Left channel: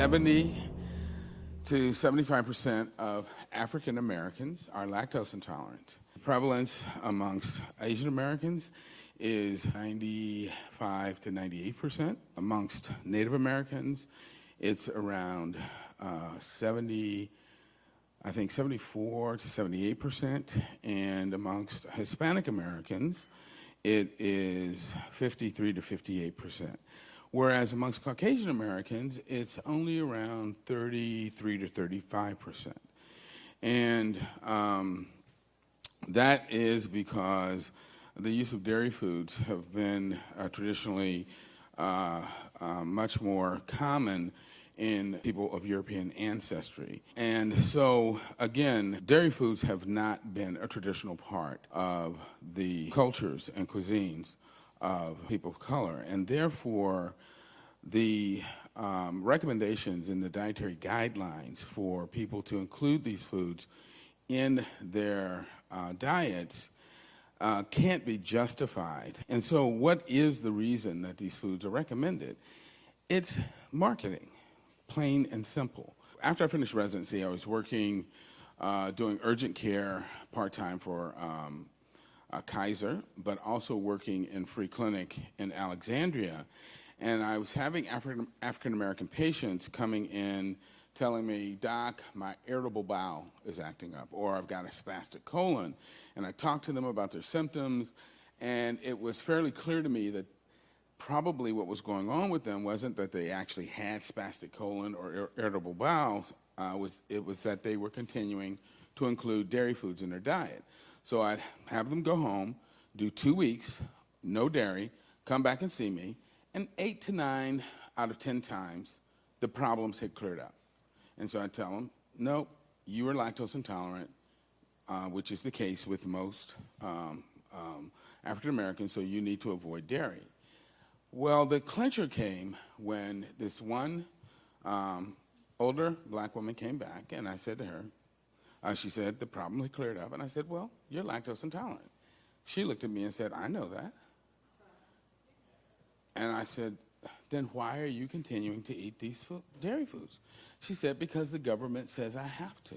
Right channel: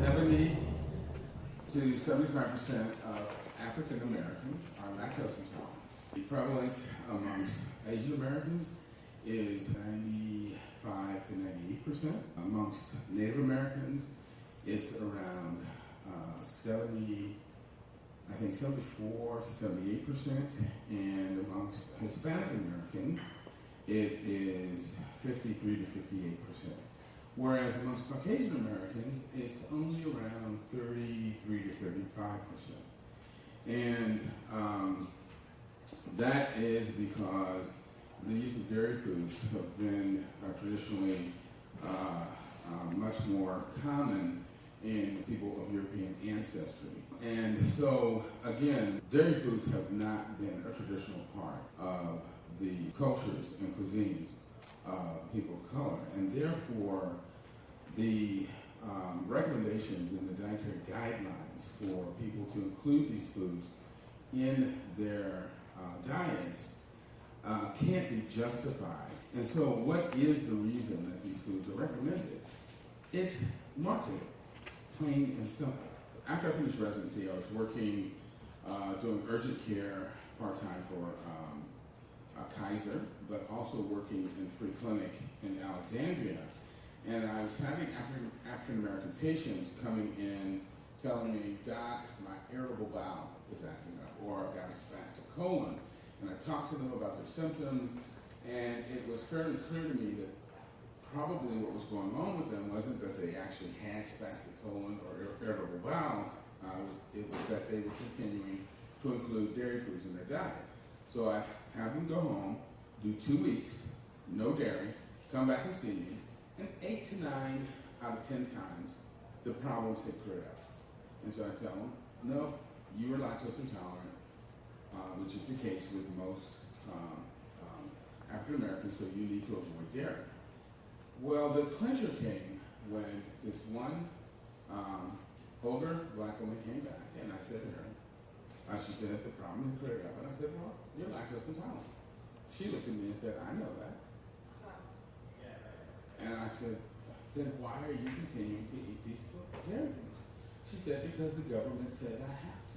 70 to 75% of African Americans are lactose intolerant. The prevalence amongst Asian Americans is 95 to 98%. Amongst Native Americans, it's around 74 to 78%, and amongst Hispanic Americans, it is 53 to 58%. Whereas amongst Caucasian Americans, it's only around 33 to 35%. And that is because the use of dairy foods have been traditionally much more common in people of European ancestry. And so, again, dairy foods have not been a traditional part of the cultures and cuisines of people of color. And therefore, the recommendations in the dietary guidelines for people to include these foods in their diets can't be justified. And so what is the reason that these foods are recommended? It's marketing, plain and simple. After I finished residency, I was working, doing urgent care part-time for Kaiser, but also working in free clinic in Alexandria. And I was having African-American patients coming in telling me, "Doc, my irritable bowel is acting up," or "I've got a spastic colon." And I talked to them about their symptoms, and it was fairly clear to me that probably what was going on with them wasn't that they actually had spastic colon or irritable bowels, it was that they were continuing to include dairy foods in their diet. So I'd have them go home, do 2 weeks, no dairy, come back and see me, and 8 to 9 out of 10 times, the problems had cleared up. And so I'd tell them, "No, you are lactose intolerant," which is the case with most African Americans, so you need to avoid dairy. Well, the clincher came when this one older black woman came back, and I said to her, she said, "The problem had cleared up." And I said, "Well, you're lactose intolerant." She looked at me and said, "I know that." And I said, "Then why are you continuing to eat these dairy foods?" She said, "Because the government says I have to."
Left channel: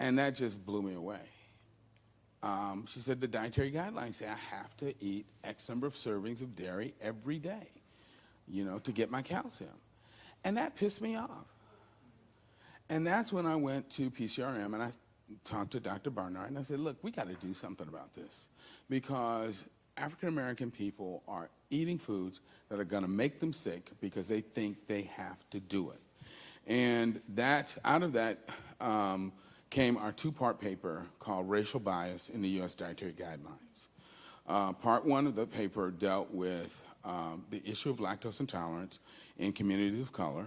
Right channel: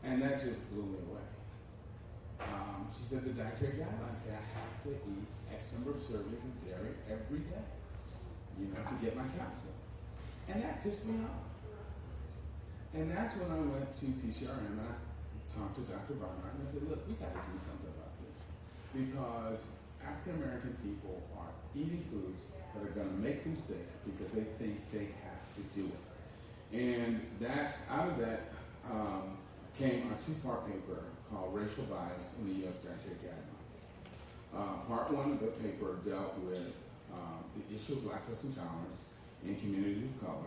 And that just blew me away. She said, "The dietary guidelines say I have to eat X number of servings of dairy every day, to get my calcium." And that pissed me off. And that's when I went to PCRM and I talked to Dr. Barnard and I said, "Look, we got to do something about this, because African American people are eating foods that are going to make them sick because they think they have to do it." And out of that came our 2-part paper called Racial Bias in the U.S. Dietary Guidelines. Part 1 of the paper dealt with the issue of lactose intolerance in communities of color,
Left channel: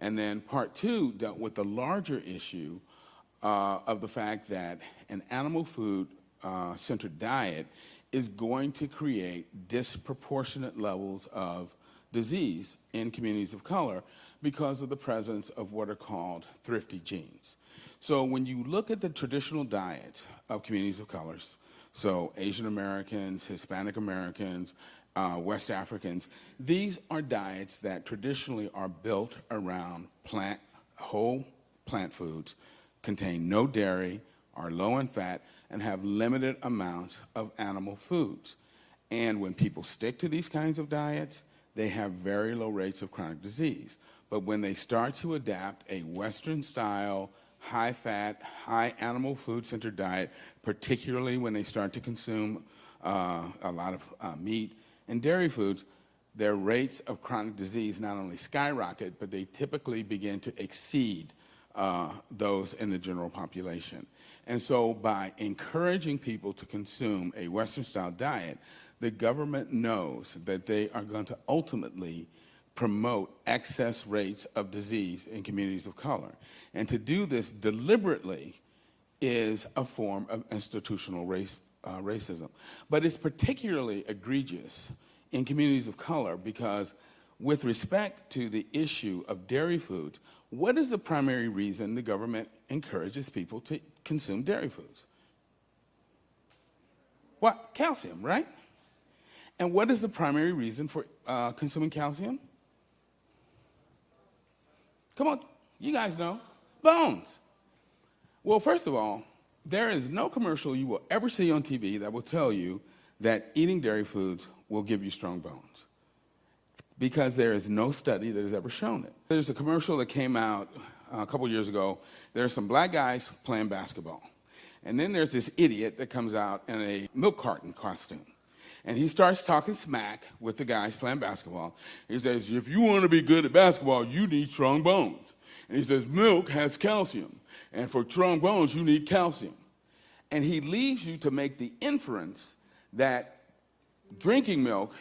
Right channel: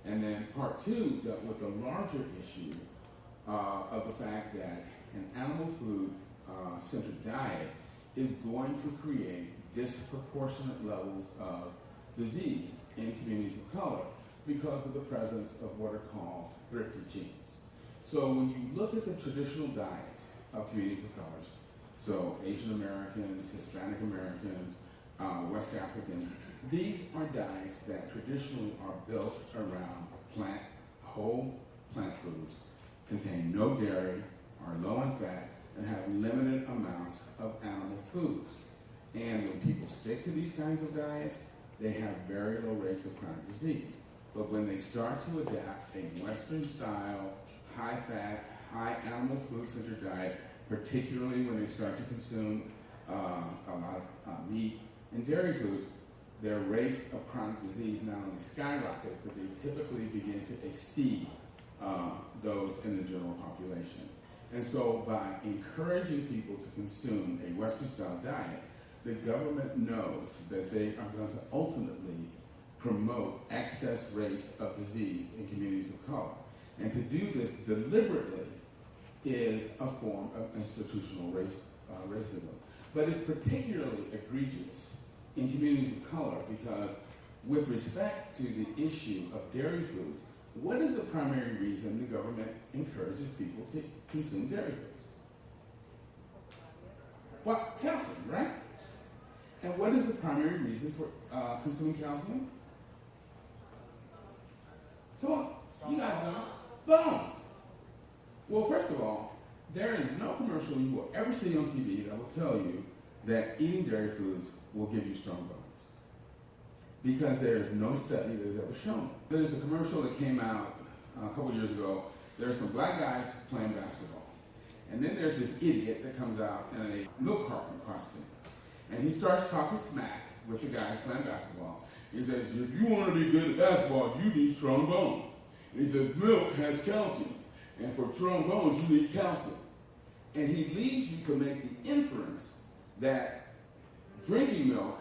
and then Part 2 dealt with the larger issue of the fact that an animal food centered diet is going to create disproportionate levels of disease in communities of color because of the presence of what are called thrifty genes. So when you look at the traditional diet of communities of colors, so Asian Americans, Hispanic Americans, West Africans, these are diets that traditionally are built around whole plant foods, contain no dairy, are low in fat, and have limited amounts of animal foods. And when people stick to these kinds of diets, they have very low rates of chronic disease. But when they start to adapt a Western-style, high-fat, high animal food-centered diet, particularly when they start to consume a lot of meat and dairy foods, their rates of chronic disease not only skyrocket, but they typically begin to exceed those in the general population. And so by encouraging people to consume a Western-style diet, the government knows that they are going to ultimately promote excess rates of disease in communities of color. And to do this deliberately is a form of institutional racism. But it's particularly egregious in communities of color because with respect to the issue of dairy foods, what is the primary reason the government encourages people to consume dairy foods? What? Calcium, right? And what is the primary reason for consuming calcium? Come on, you guys know. Bones. Well, first of all, there is no commercial you will ever see on TV that will tell you that eating dairy foods will give you strong bones, because there is no study that has ever shown it. There's a commercial that came out a couple years ago. There's some black guys playing basketball. And then there's this idiot that comes out in a milk carton costume. And he starts talking smack with the guys playing basketball. He says, if you want to be good at basketball, you need strong bones. And he says, milk has calcium. And for strong bones, you need calcium. And he leaves you to make the inference that drinking milk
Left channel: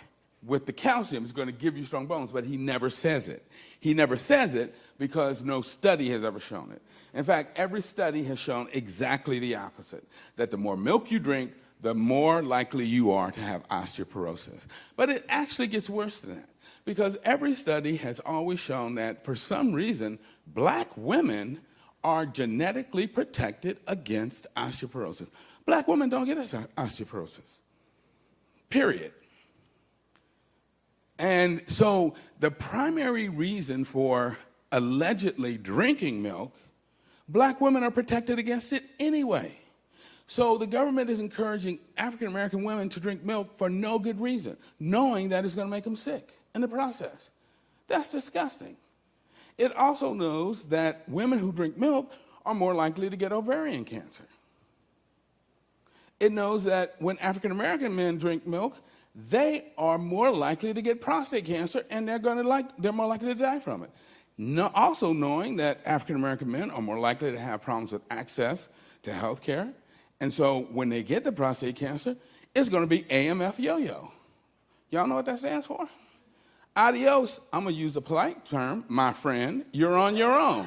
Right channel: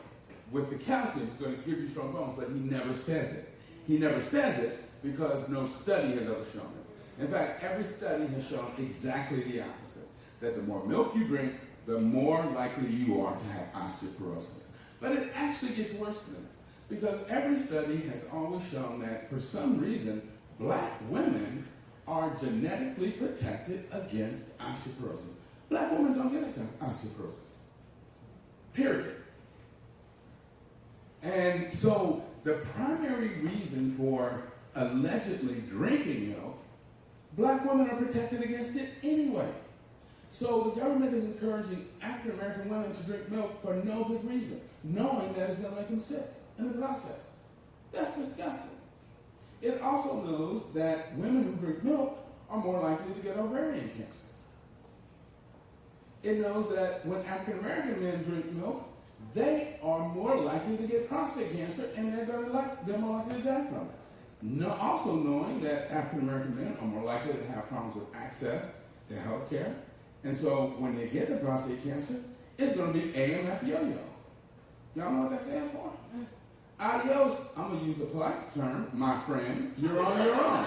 with the calcium is going to give you strong bones, but he never says it. He never says it because no study has ever shown it. In fact, every study has shown exactly the opposite, that the more milk you drink, the more likely you are to have osteoporosis. But it actually gets worse than that, because every study has always shown that for some reason, black women are genetically protected against osteoporosis. Black women don't get osteoporosis, period. And so the primary reason for allegedly drinking milk, black women are protected against it anyway. So the government is encouraging African American women to drink milk for no good reason, knowing that it's going to make them sick in the process. That's disgusting. It also knows that women who drink milk are more likely to get ovarian cancer. It knows that when African American men drink milk, they are more likely to get prostate cancer, and they're more likely to die from it. Also knowing that African American men are more likely to have problems with access to health care. And so when they get the prostate cancer, it's going to be AMF yo-yo. Y'all know what that stands for? Adios, I'm going to use a polite term, my friend, you're on your own.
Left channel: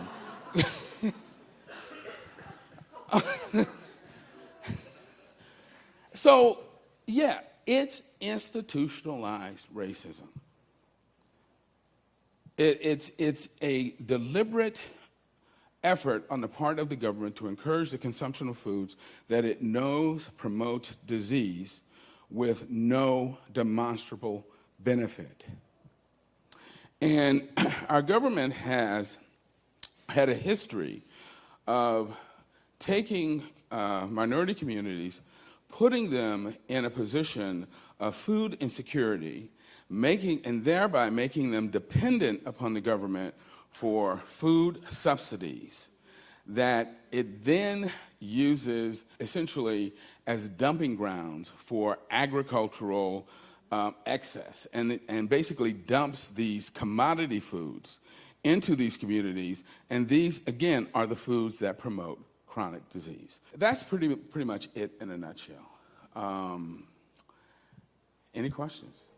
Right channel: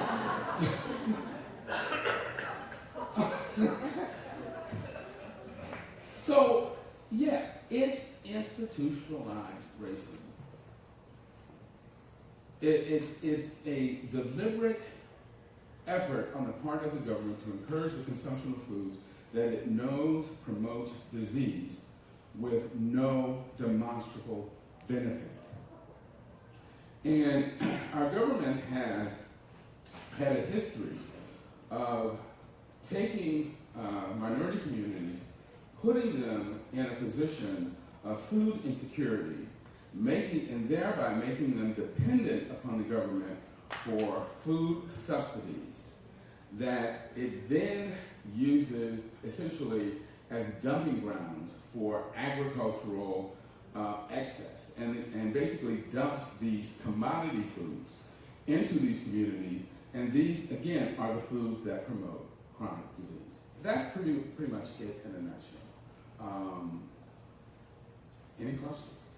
So, yeah, it's institutionalized racism. It's a deliberate effort on the part of the government to encourage the consumption of foods that it knows promotes disease with no demonstrable benefit. And our government has had a history of taking minority communities, putting them in a position of food insecurity, thereby making them dependent upon the government for food subsidies that it then uses essentially as dumping grounds for agricultural excess, and basically dumps these commodity foods into these communities, and these, again, are the foods that promote chronic disease. That's pretty much it in a nutshell. Any questions?